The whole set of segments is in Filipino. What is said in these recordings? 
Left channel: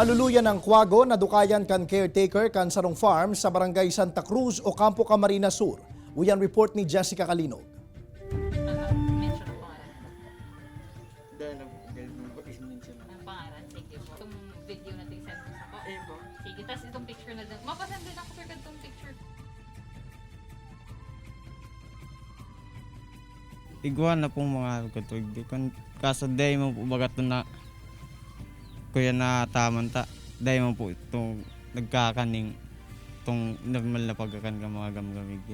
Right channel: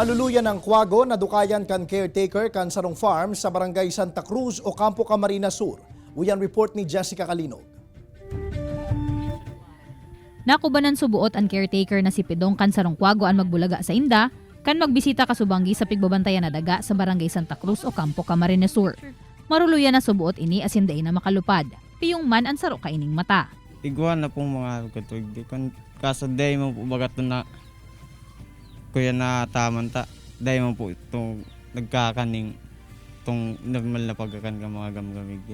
Maluluyan ng Quago na dukayan kan caretaker kan Sarong Farm sa Barangay Santa Cruz o Campo Camarines Sur. Uyan report ni Jessica Calinog. Nakubanan subuot ang caretaker na si Pidong kan Sarong Quago ang magbulaga sa Inda kan magbisita kasubanggi sa pigbabantayan na daga sa Barangay Santa Cruz o Campo Camarines Sur. Maruluyan na subuot ini asin day na makalupad. Piyong man ang saro kaining mata. Iguan na pong mga katulog. Kaso day mo po bagat na kuya na tamanta. Day mo po itong nagkakaning itong normal na pagkakan ka mga gamgamig.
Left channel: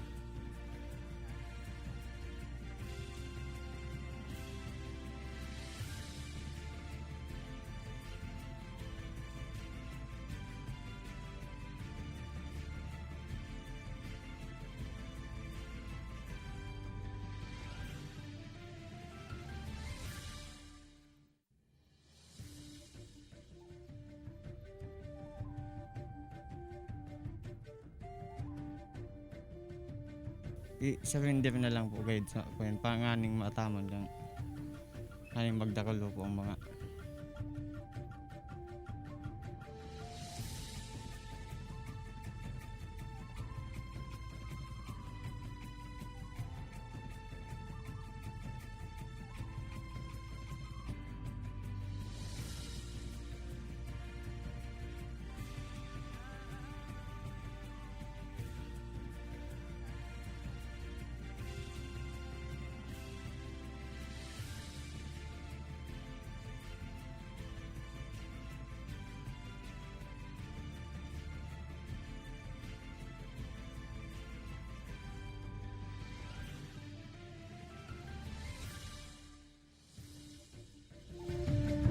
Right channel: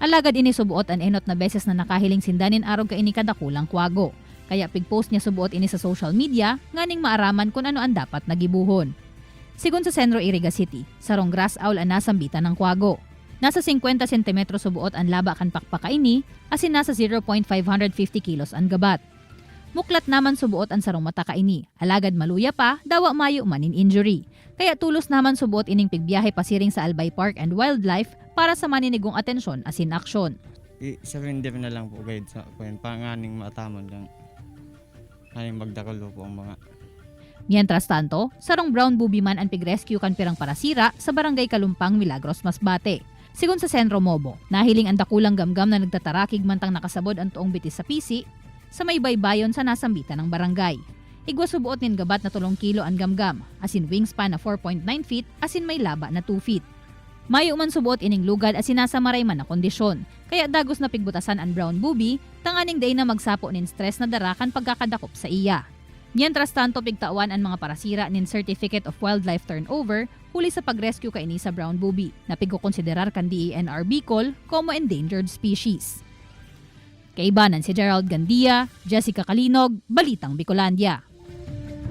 Alagad ini subuot ang enot na beses na nakahiling sindanin arog ka ini kadakulang Quago. Kaya pigpost niya subuot ini sa social media nganing maaraman kung ano ang dapat nagibuhon. Sigun sa Centro Iriga City, sarong grass owl ang nasambitan ng Quago. Nasa 50 cm subuot ang laba kan pakpaka ini asin nasa 0.550 kilos ang gabat. Muklat naman subuot ang sarong mata ka ini. Alagad maluya pa, dawa mayo manin injury. Kaya tulos naman subuot ining pigbiyahe pasiring sa Albay Park and Wildlife para sa maninigong atensyon asin aksyon. I-surrender na lang po guide sa kuya. Panganing mataman lang. Aning magdakulo po ang mga. Mientras tanto, sarong brown booby man ang pig-rescue kan pirang parasira sa Barangay Kalumpang, Milagros, Masbate. Sigun sa Sentro Mobo, nahiling ang dakulang gamgam na nagtatarakig mantang nakasabod ang tuong bitis sa pisi sa may baybayon sa nasambitan ng barangay. Igwa subuot nin gabat na 3 kilo ang gamgam, asin wingspan na 4.9 feet, asin may laba na 2 feet. Mayo man subuot ining lugad asin nasa maray man na kondisyon, kaya dagos na pigbutasan ang brown booby, tanganing day na magsapo nin stress na darakan pagkakadakop sa iya. Mientras tanto pigtawan ang mga parasira nin Certificate of Wildlife Turnover huli sa pag-rescue kaini sa brown booby na pigkukonsiderar kan DENR Bicol como endangered species. Kaibanan si Gerald Gandia, Jessica Calinog, Balitang Bicolandia.